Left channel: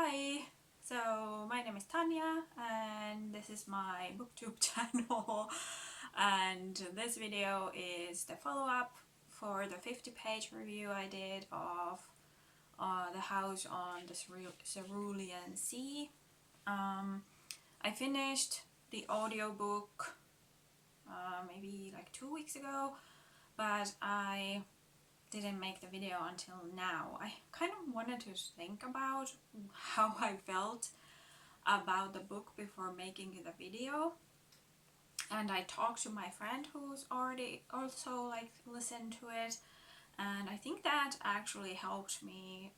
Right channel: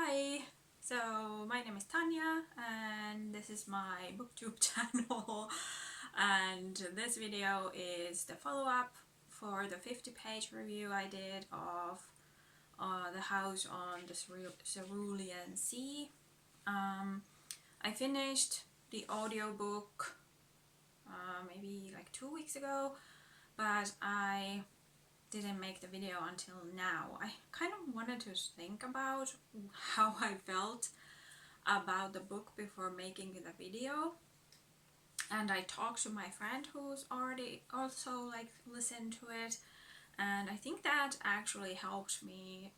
Hi, so my name is Tanya and this is my booktube channel, and this video is the follow-up for the 50-page review I did of The House on the Cerulean Sea. I finished the audiobook maybe like 2 weeks ago, but I didn't make the video until now. I kind of wanted to think about how I felt about the book before making the video, and I talked to my friend who's already also like listened to it, and I think that actually helped me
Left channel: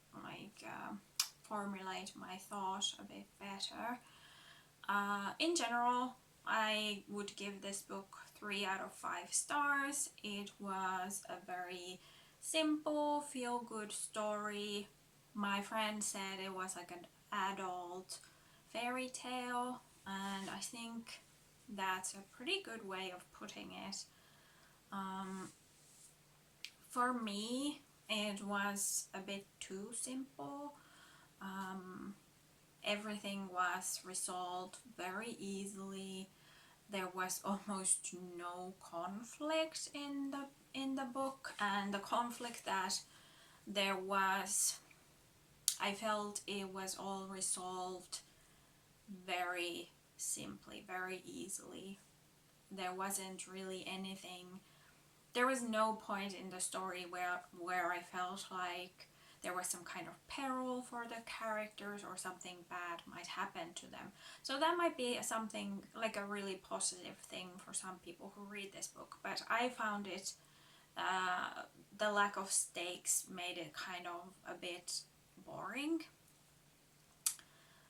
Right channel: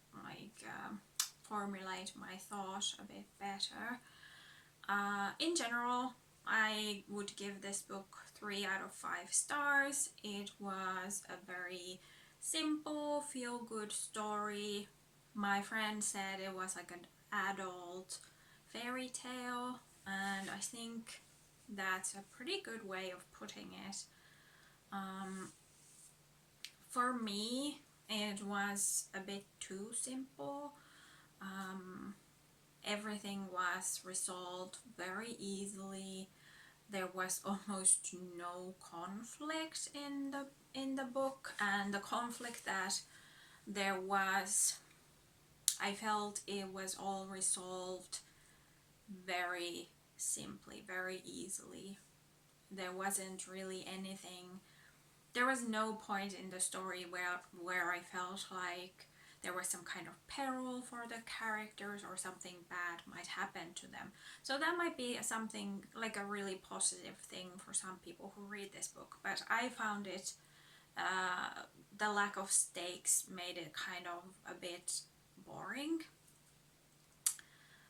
formulate my thought a bit better. In general, I would give this book 3 out of 5 stars. It was a very simple, feel-good story. My friend said it was like an adult fairy tale, and I think that's a pretty good way of putting it. For me, it was a bit too simple. Everything was resolved very easily. There was almost no conflict in the book, and the conflict that there was, I felt it was all resolved very simply, very easily. There wasn't really anything, there was no point in the story where I felt like there was some kind of peril for the characters or something bad might happen to them. So that might be something like a really positive thing for some people who read this book, but I found it, the lack of stakes made it kind of a bit boring.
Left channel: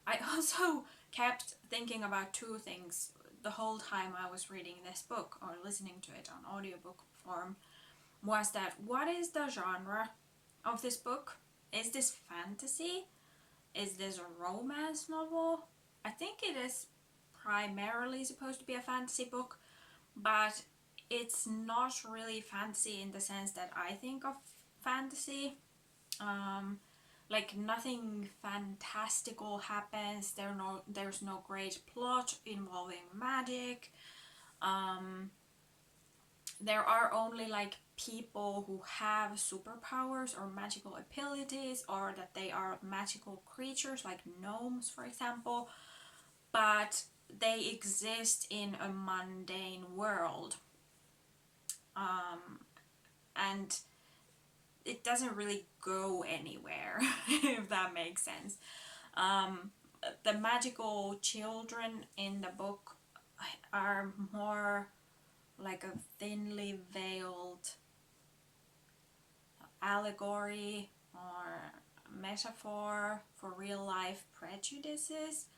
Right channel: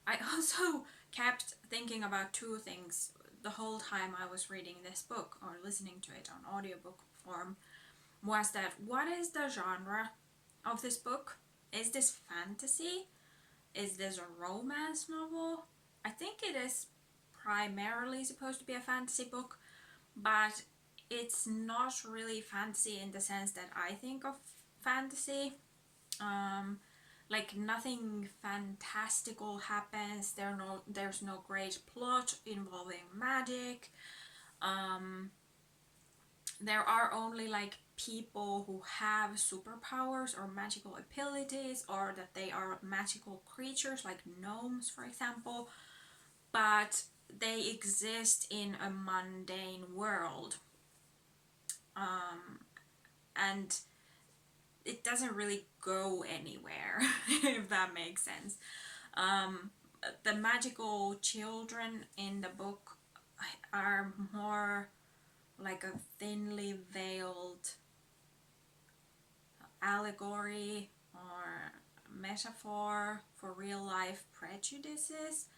I also kept thinking about two things the whole time I was reading this book or listening to it on audiobook form. Was that, what is the genre of this book? Is this fantasy? Is this a romance novel? I think it is primarily supposed to be a fantasy book, but it's not really fantasy in the sense that I think of fantasy. Like nothing fantastical happens. There's no great plot involving magic. There are only like people who have superpowers or magical abilities, or that they are magical creatures like gnomes, for example, but they exist in a mundane world. And it doesn't really go anywhere, if that makes sense. The magical children in the book are more like a thinly veiled allegory or metaphor for real life prejudices,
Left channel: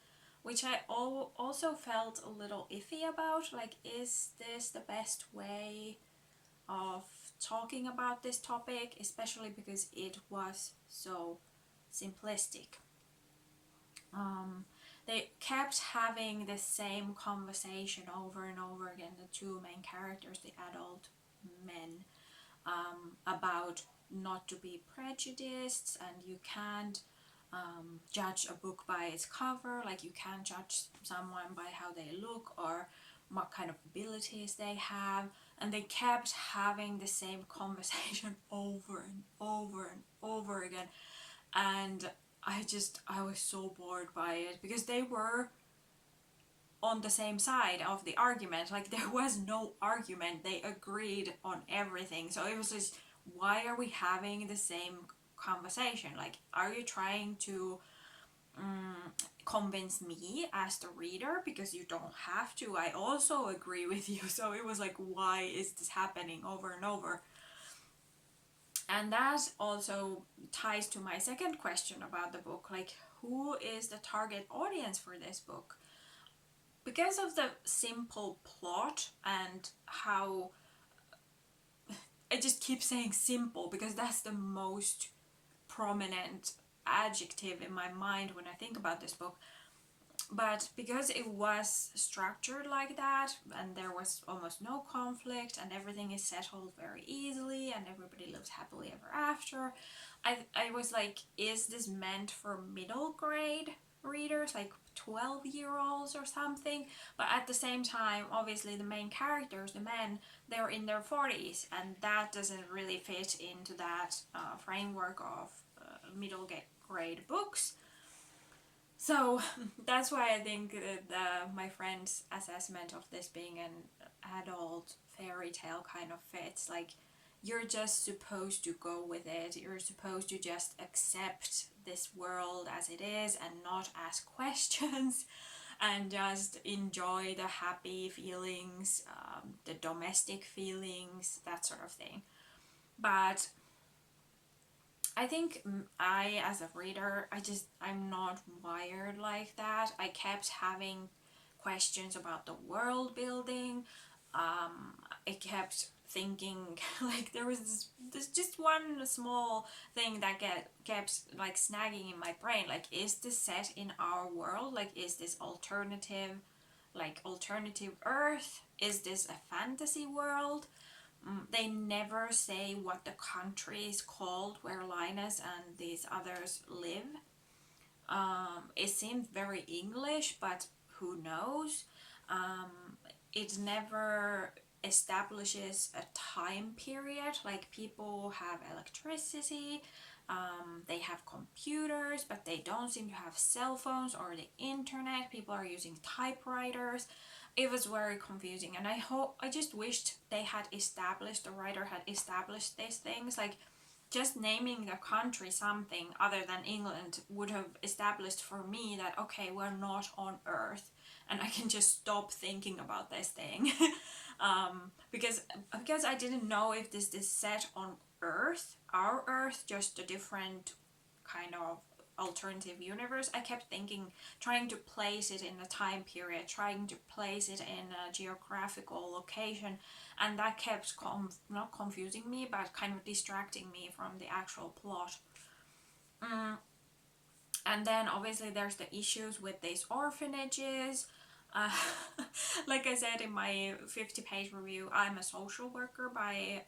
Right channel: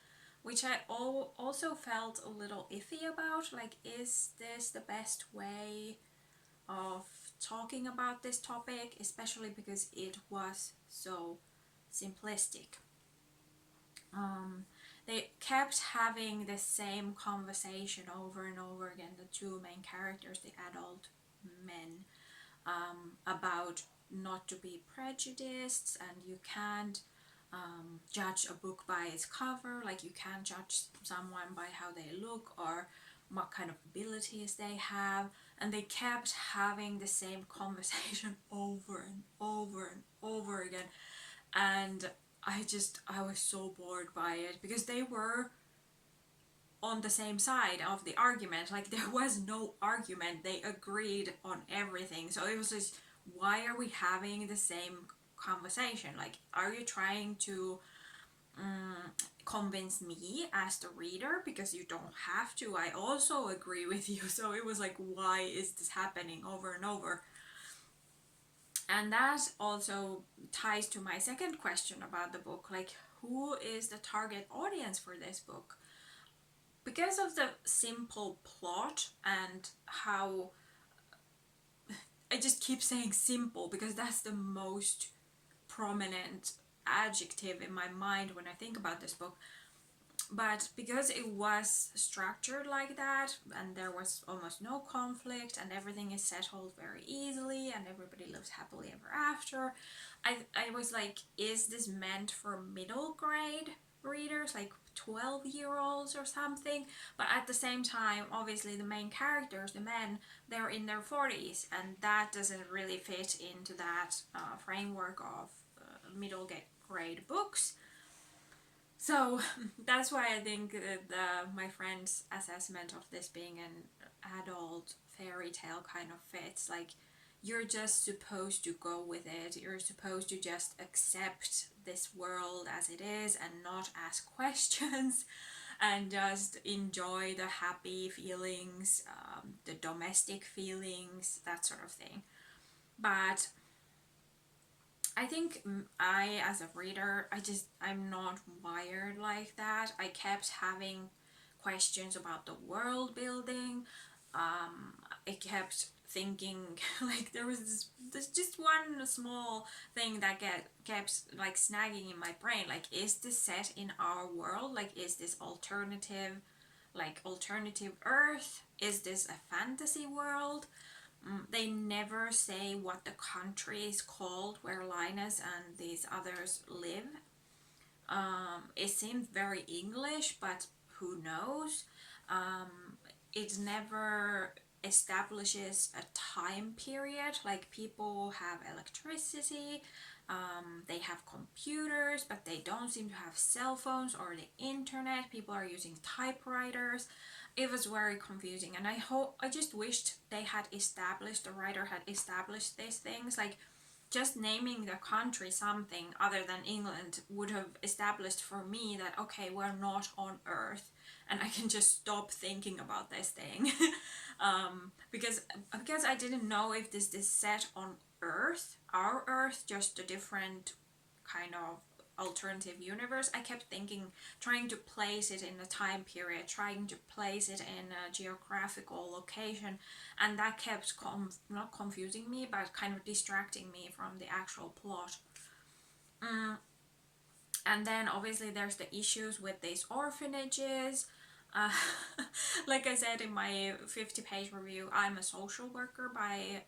which I also felt a little iffy about. Like, is this the best way of talking about this topic, especially because it was so simplistic. They kept having the same conversation over and over again, the two main characters, the adult men, about not to be prejudiced, and you can't judge a book by its cover. Like, you can't judge someone by how they look or what kind of abilities they have. And they kept having the same conversation over and over and over again, and I was so bored by it, because they were on the same side of the argument. Like, there was no argument, they agreed on everything. So it was just, why are we having the same conversation? Like, are you trying to convince me as the reader? Because you don't have to, I also agree with you. So it was like, why is this happening over and over? And that also ties to my second question about the book, like, who is the target audience for this book? Because of the simple plot and how, I just keep saying simple because that's the most prominent adjective in my mind when I think about this book. But because it was structured like that, and there was almost no conflict, and everything is settled very easily, and everybody lives happily ever after, I was like, is this meant for middle grade readers, like 12-year-olds or something? But at the same time, obviously, the main characters, the men, they're in their 40s, and that doesn't really fit into that framework of middle grade books. So that's why I think that my friend's assessment of this being an adult fairy tale kind of fits. Like, you're just supposed to go with it. You're supposed to just accept this world as it is and not ask questions and just enjoy the happy feelings, the domestic feelings, that sort of thing. But I think as a reader, I'm not wired like that. I kept having questions about the world building. I kept thinking, like, there was this just one small thing that kept like snagging in my brain. Like, is this set in our world? Like, is this alternative Earth? Is this a fantasy world? They never say what the country is called where Linus and these others live. It seemed very English, but who knows? It never establishes a time period. Like, people have electricity, they have computers, but they don't seem to have cell phones or the internet. People are using typewriters. It was very confusing, and I just wished the writer had established these things. Like, just naming the country something other than England would have established for me that, okay, we're not on Earth, and I can just stop thinking about this thing. Because I didn't know if this is set on Earth, our Earth, just a different kind of alternative universe. I kept trying to place it in a time period, trying to place it in a geographical location, and that kept not confusing me, but kind of distracting me from the actual plot. And then obviously there's the issues with these orphanages. Uh, like I said in my 50-page review, I'm a social worker by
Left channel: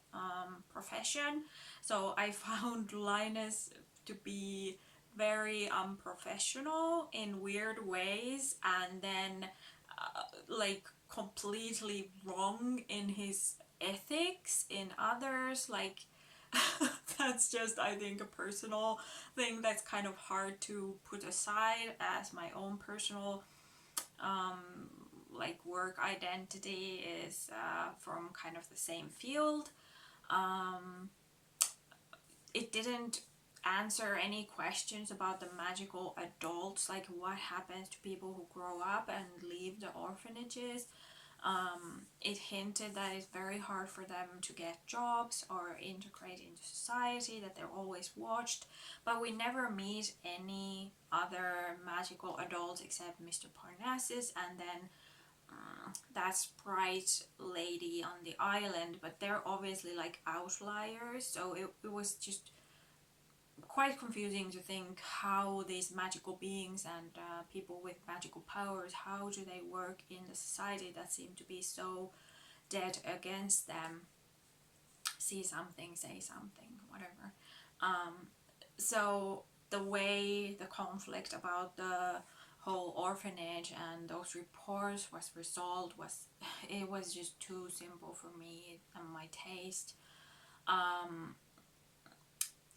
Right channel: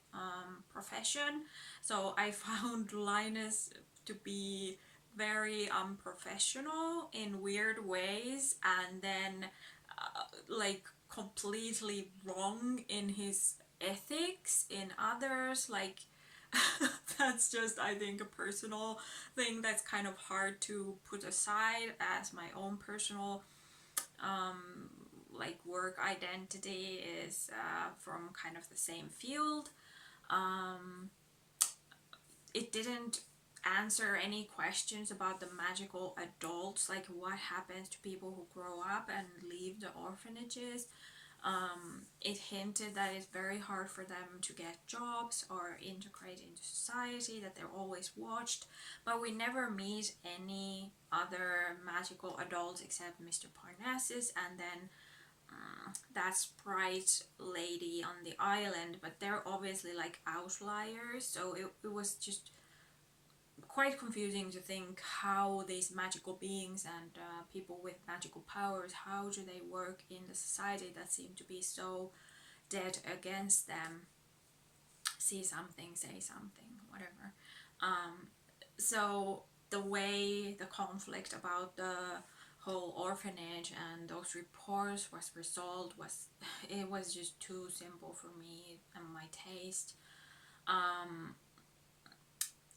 profession, so I found Linus to be very unprofessional in weird ways, and then like completely wrong in his ethics in others. Like, that's just, I think, a personal thing that's kind of hard to put aside as my own personal like work identity is from kind of the same field. It didn't answer any questions about the magical adults, like what happens to people who grow up and leave the orphanages. It hinted that it's very hard for them to get jobs or integrate into society, that they're always watched, but we never meet any other magical adults except Mr. Parnassus and then that sprite lady on the island, but they're obviously like outliers, so it was just quite confusing to think how these magical beings and people with magical powers, how do they work in the society that seemed to be so dead against them. See something, say something, whatever. So the way the conflict about the whole orphanage and those reports was resolved was just too simple for me and my taste.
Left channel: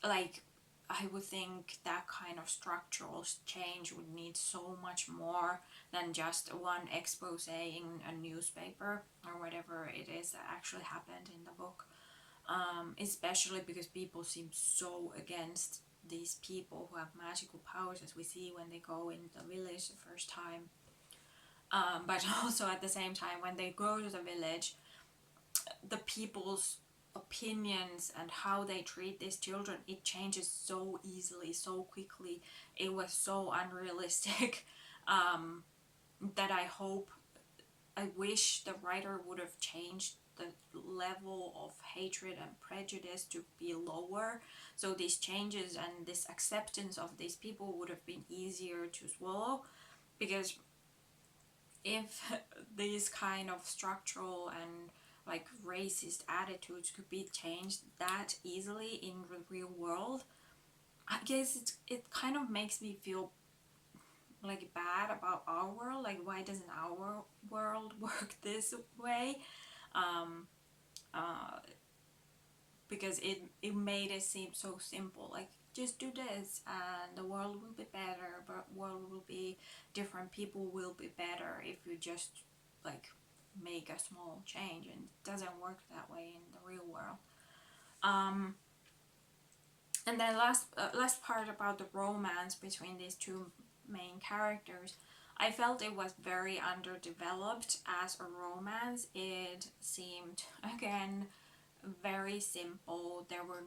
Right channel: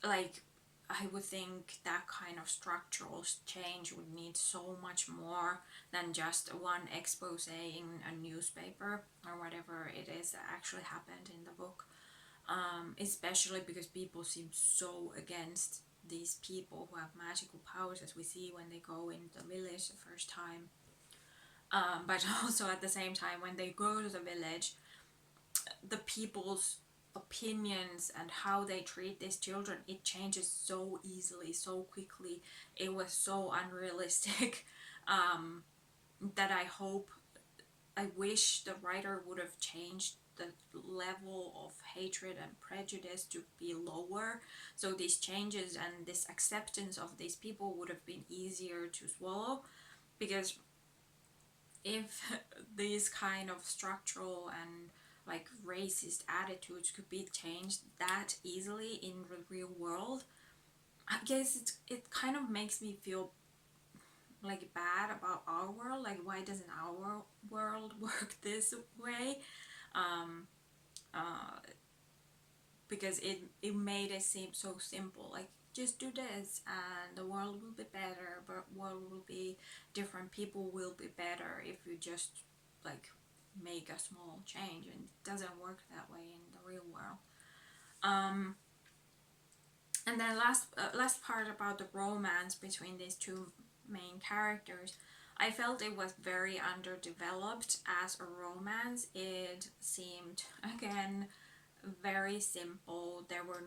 Like, I would think that kind of structural change would need so much more than just one expose in a newspaper or whatever it is that actually happened in the book. Especially because people seem so against these people who have magical powers, as we see when they go into the village the first time. But also at the same time, when they go to the village, the people's opinions and how they treat these children, it changes so easily, so quickly. It was so unrealistic that I wish the writer would have changed the level of hatred and prejudice to be lower, so these changes and this acceptance of these people would have been easier to swallow. Because if these kind of structural and like racist attitudes could be changed that easily in the real world, I guess it kind of makes me feel like bad about our world. Like, why doesn't our world work this way? Um, uh, because it made it seem so simple. Like, just do this and the world will be better, but world will be different. People will be better if you just like make a small change, and it doesn't work that way in the real world. Um, and then last part about the romance between these two main characters, I felt it was very underdeveloped as a romance. It seemed, again, very simple. There were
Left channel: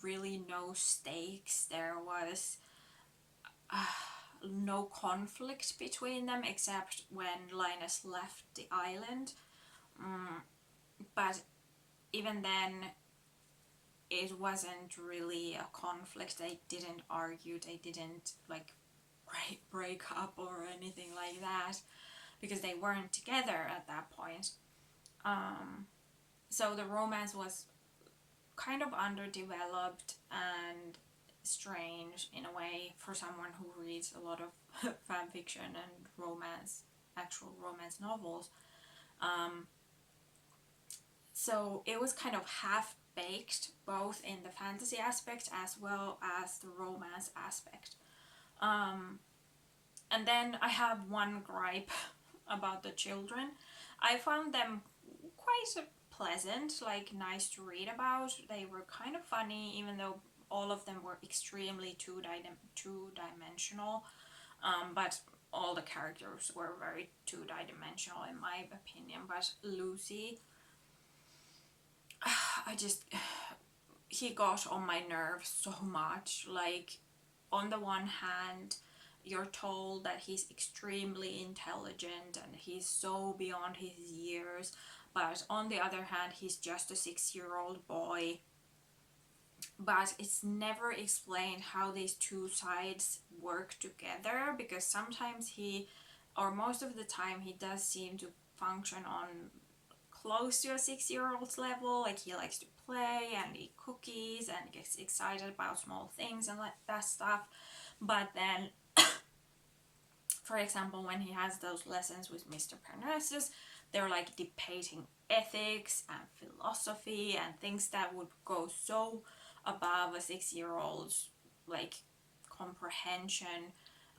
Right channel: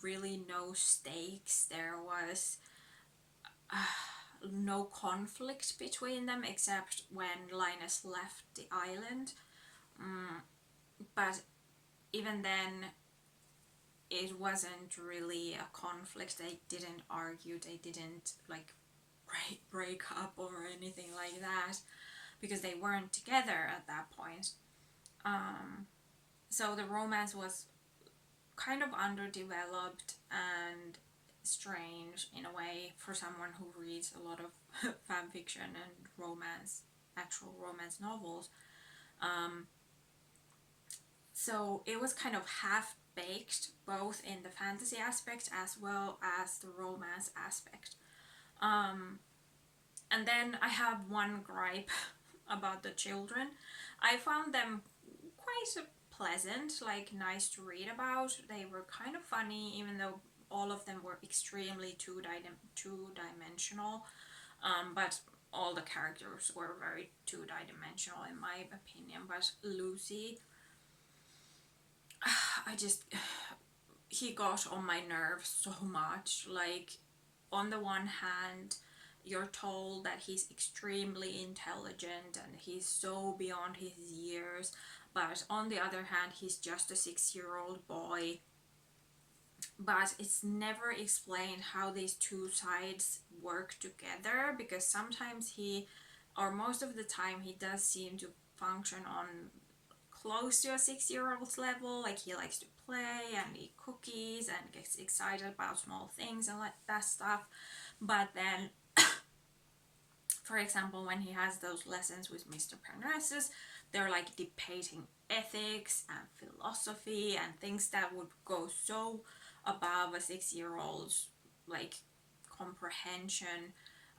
really no stakes. There was no conflict between them except when Linus left the island. But even then, it wasn't really a conflict. They didn't argue. They didn't like break up or anything like that because they weren't together at that point. So the romance was kind of underdeveloped and strange in a way for someone who reads a lot of fan fiction and romance, actual romance novels. So it was kind of half baked, both in the fantasy aspect as well as the romance aspect. And then I have one gripe about the children. I found them quite pleasant, like nice to read about. They were kind of funny, even though all of them were extremely two-dimensional. But all the characters were very two-dimensional in my opinion. But Lucy, he got on my nerves so much. Like, on the one hand, you're told that he's extremely intelligent and he's so beyond his years, but on the other hand, he's just a 6-year-old boy. But it's never explained how these two sides work together, because sometimes or most of the time, he does seem to function on close to a 6-year-old's level. Like, he likes to play and eat cookies and gets excited about small things and like that stuff. But then, for example, when he has those lessons with Mr. Parnassus, they're like debating ethics and philosophy and things that would go so above a 6-year-old's like comprehension,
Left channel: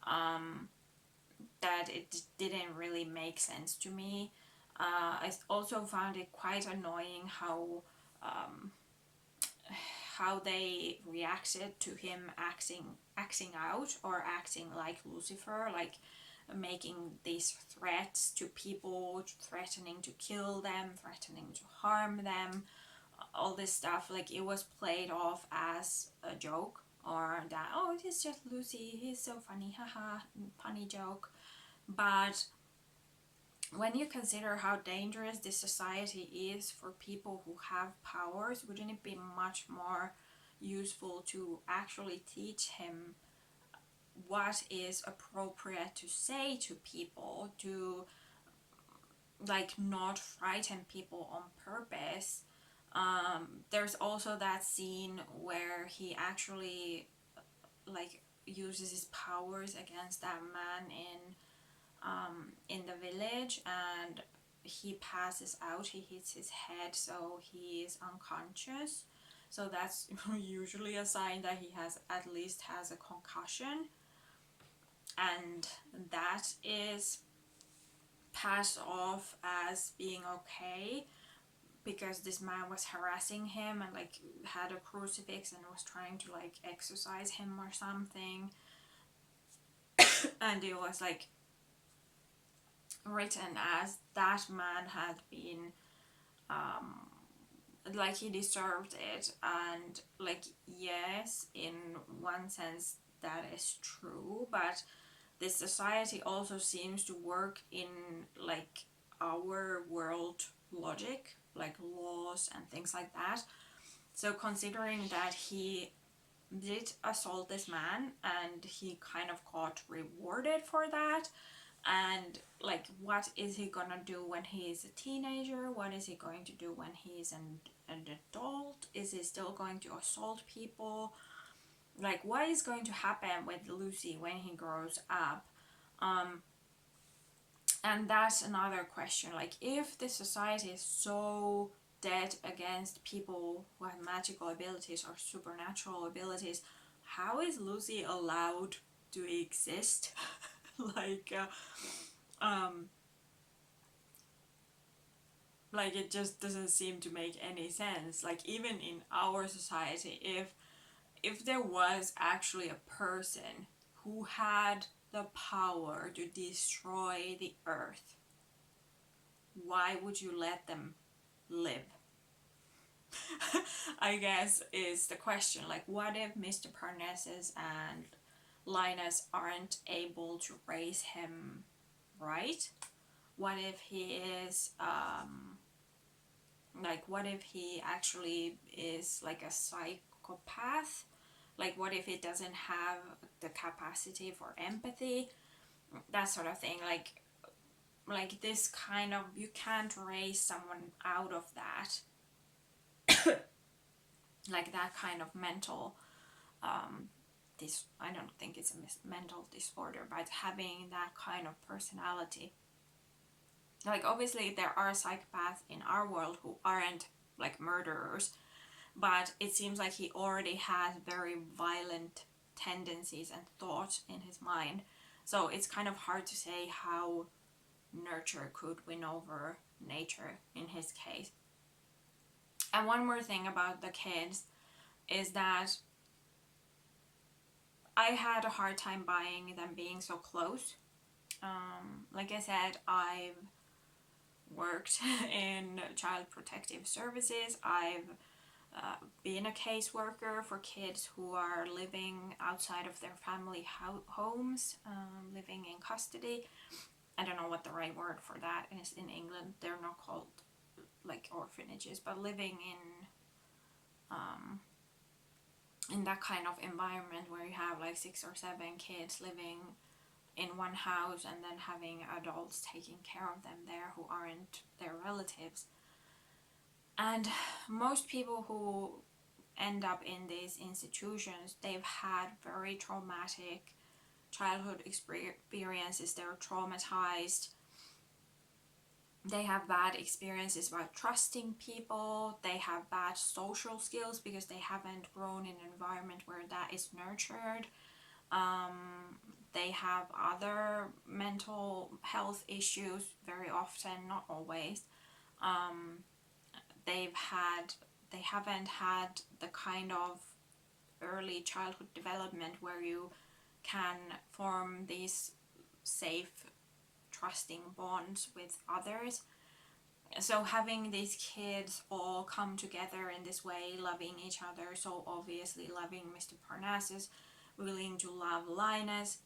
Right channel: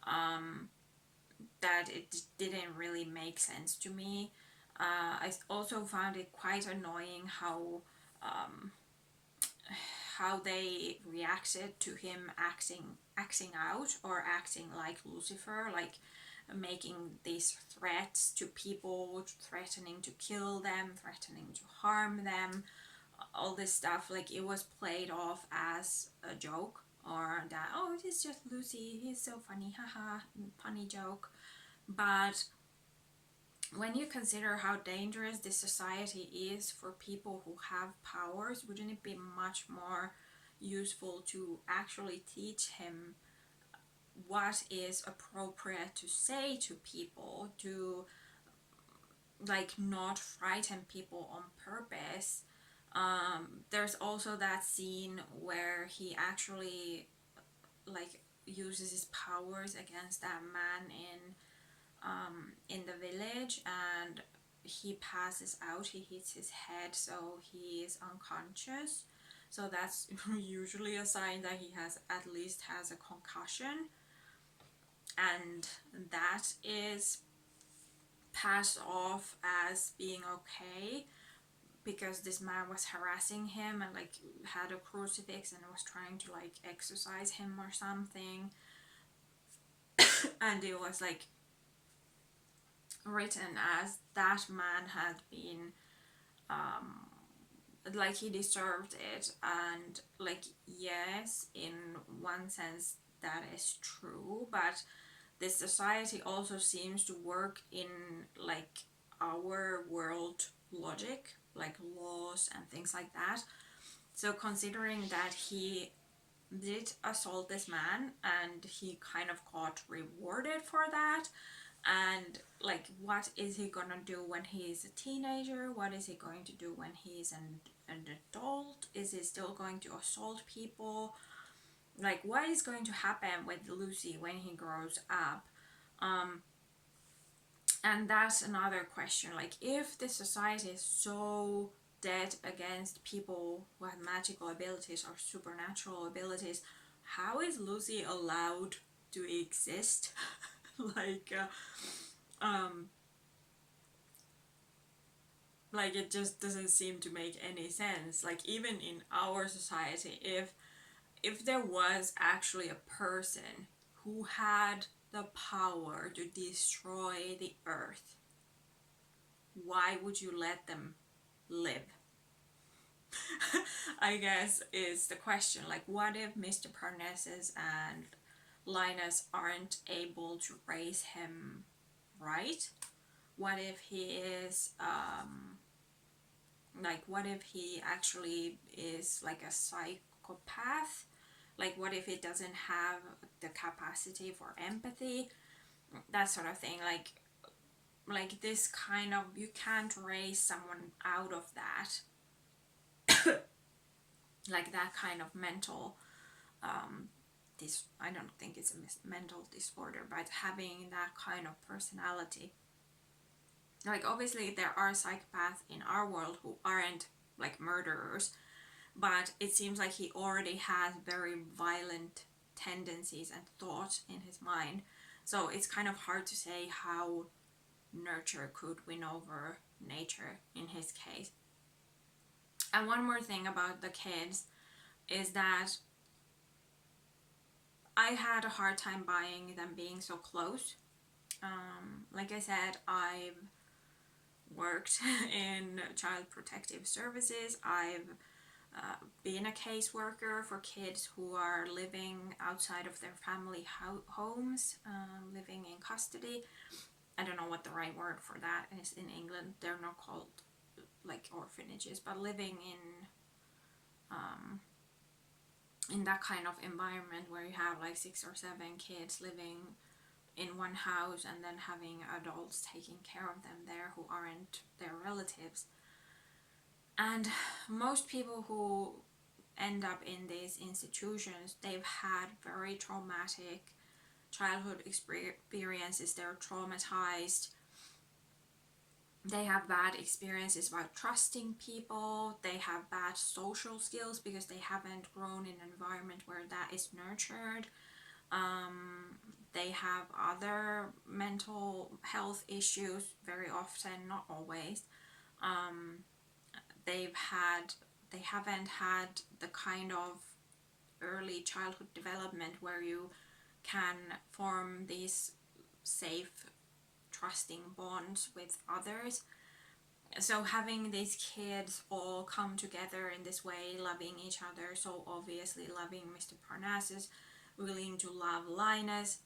that it didn't really make sense to me. I also found it quite annoying how they reacted to him acting out or acting like Lucifer, like making these threats to people, threatening to kill them, threatening to harm them, all this stuff. Like, it was played off as a joke, or that, oh, it is just Lucy, he's so funny, haha, funny joke. But when you consider how dangerous this society is for people who have powers, wouldn't it be much more useful to actually teach him what is appropriate to say to people, to like not frighten people on purpose? There's also that scene where he actually like uses his powers against that man in the village, and he passes out. He hits his head, so he is unconscious. So that's usually a sign that he at least has a concussion, and that is passed off as being okay because this man was harassing him and like had a crucifix and was trying to like exorcise him or something. And it was like written as that man had been like he deserved it. And like, yes, in one sense that is true, but this society also seems to work in like our world logic, like laws and things like that. So considering that he did assault this man and he kind of got rewarded for that, And like, what is he gonna do when he is a teenager? What is he going to do when he is an adult? Is he still going to assault people? Like, what is going to happen with Lucy when he grows up? And that's another question. Like, if the society is so dead against people who have magical abilities or supernatural abilities, how is Lucy allowed to exist? like, like, it just doesn't seem to make any sense. Like, even in our society, if there was actually a person who had the power to destroy the earth, why would you let them live? I guess is the question. Like, what if Mr. Parnassus and Linus aren't able to raise him right? What if he is like, what if he actually is like a psychopath? Like, what if he doesn't have the capacity for empathy? That sort of thing. Like this kind of, you can't raise someone out of that. Like that kind of mental I don't think it's a mental disorder, but having that kind of personality. Like, obviously there are psychopaths in our world who aren't like murderers, but it seems like he already has very violent tendencies and thoughts in his mind. So it's kind of hard to say how nurture could win over nature in his case. And one more thing about the kids is that I had a hard time buying them being so close. Like I said, I've worked in child protective services. I've been a caseworker for kids who are living outside of their family homes, living in custody. I don't know what the right word for that is in England. They're not called like orphanages, but living in that kind of environment where you have like 6 or 7 kids living in one house and then having adults taking care of them there who aren't their relatives. And most people who end up in these institutions, they've had very traumatic childhood experiences. They're traumatized. They have bad experiences about trusting people. They have bad social skills because they haven't grown in an environment where that is nurtured. They have other mental health issues very often, not always. They haven't had the kind of early childhood development where you can form these safe, trusting bonds with others. So having these kids all come together in this way, loving each other, so obviously loving Mr. Parnassus, willing to love Linus,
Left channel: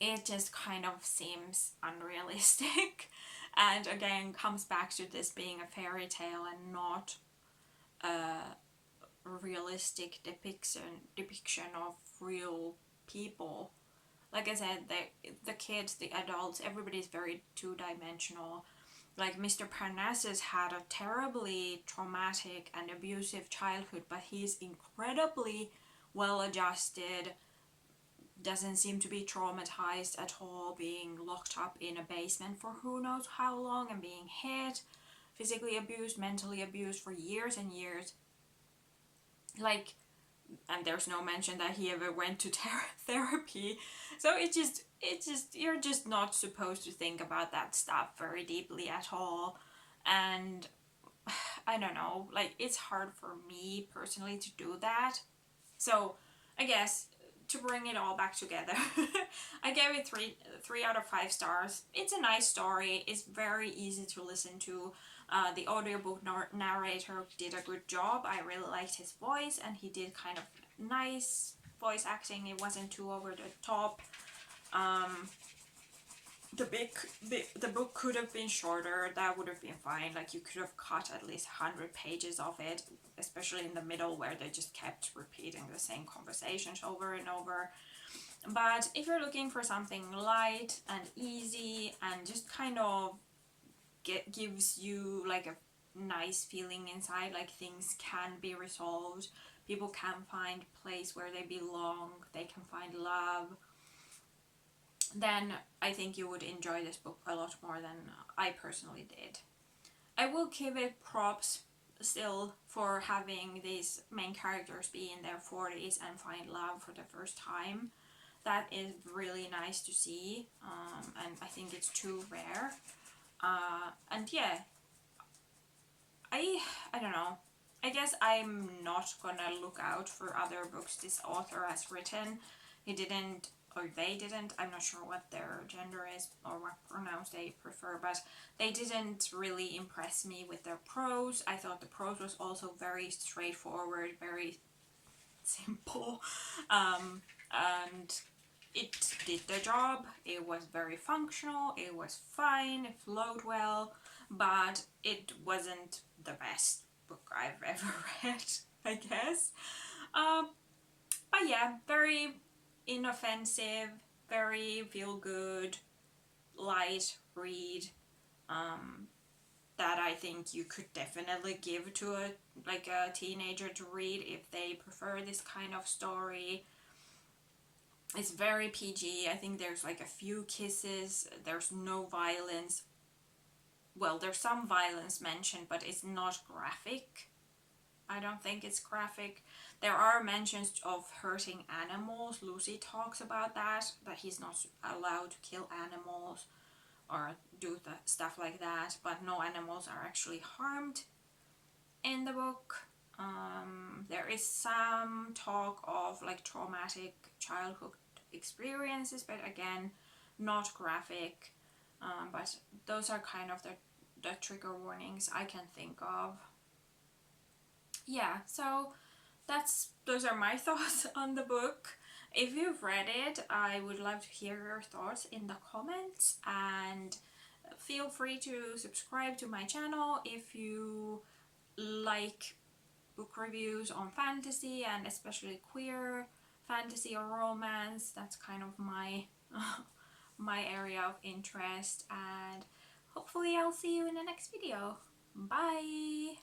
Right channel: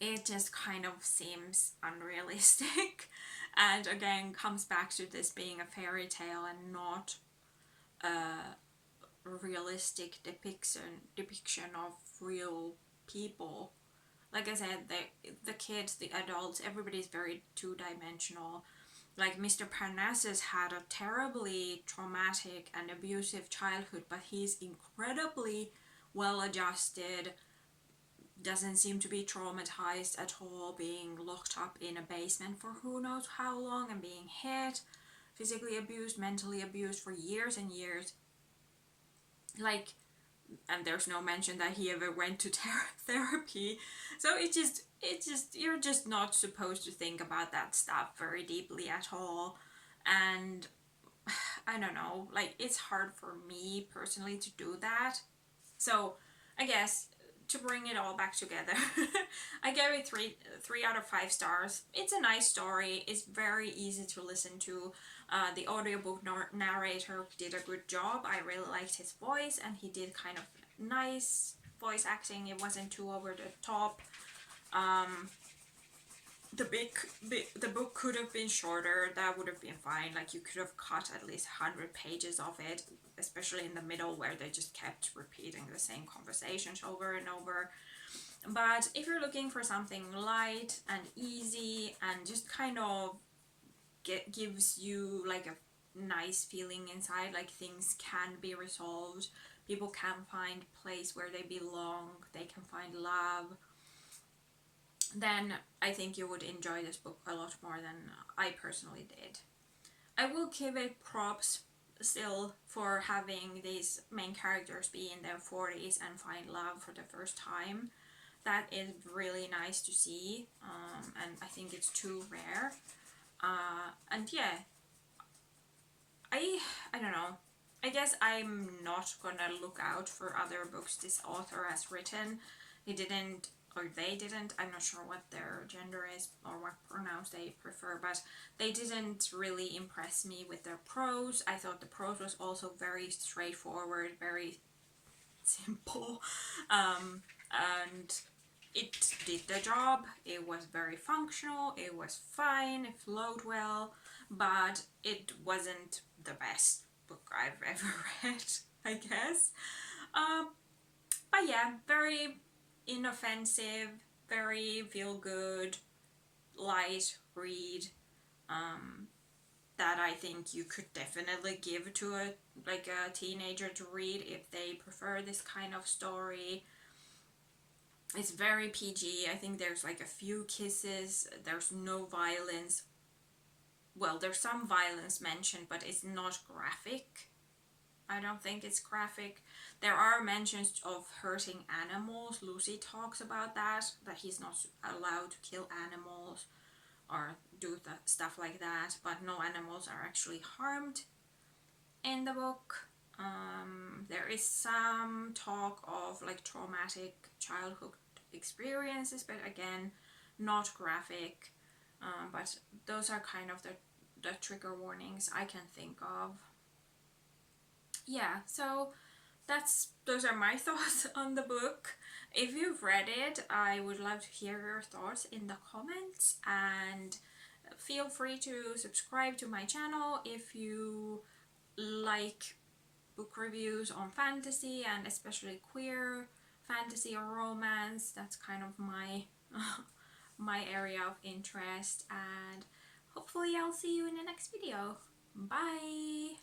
it just kind of seems unrealistic. And again, comes back to this being a fairy tale and not a realistic depiction of real people. Like I said, the kids, the adults, everybody's very two-dimensional. Like, Mr. Parnassus had a terribly traumatic and abusive childhood, but he's incredibly well-adjusted, doesn't seem to be traumatized at all, being locked up in a basement for who knows how long and being hit, physically abused, mentally abused for years and years. Like, and there's no mention that he ever went to therapy. So it just, you're just not supposed to think about that stuff very deeply at all. And I don't know, like, it's hard for me personally to do that. So I guess to bring it all back together, I gave it 3 out of 5 stars. It's a nice story. It's very easy to listen to. The audiobook narrator did a good job. I really liked his voice, and he did kind of nice voice acting. It wasn't too over the top. The book could have been shorter. That would have been fine. Like, you could have cut at least 100 pages of it, especially in the middle where they just kept repeating the same conversations over and over. But if you're looking for something light and easy and just kind of gives you like a nice feeling inside, like things can be resolved, people can find a place where they belong, they can find love, then I think you would enjoy this book a lot more than I personally did. I will give it props still for having these main characters be in their 40s and find love for the first time. That is really nice to see, and I think it's too rare. And yeah, I don't know. I guess I'm not gonna look out for other books this author has written. He didn't, or they didn't, I'm not sure what their gender is or what pronouns they prefer, but they didn't really impress me with their prose. I thought the prose was also very straightforward, very simple, and it did the job. It was very functional, it was fine, it flowed well, but it wasn't the best book I've ever read, I guess. But yeah, very inoffensive, very feel good, light read. That I think you could definitely give to a teenager to read if they prefer this kind of story. It's very PG. I think there's like a few kisses. There's no violence. Well, there's some violence mentioned, but it's not graphic. I don't think it's graphic. There are mentions of hurting animals. Lucy talks about that he's not allowed to kill animals or do stuff like that, but no animals are actually harmed in the book. There is some talk of like traumatic childhood experiences, but again, not graphic. But those are kind of the trigger warnings I can think of. Yeah, so those are my thoughts on the book. If you've read it, I would love to hear your thoughts in the comments, and feel free to subscribe to my channel if you like book reviews on fantasy, and especially queer fantasy or romance. That's kind of my my area of interest, and hopefully I'll see you in the next video. Bye!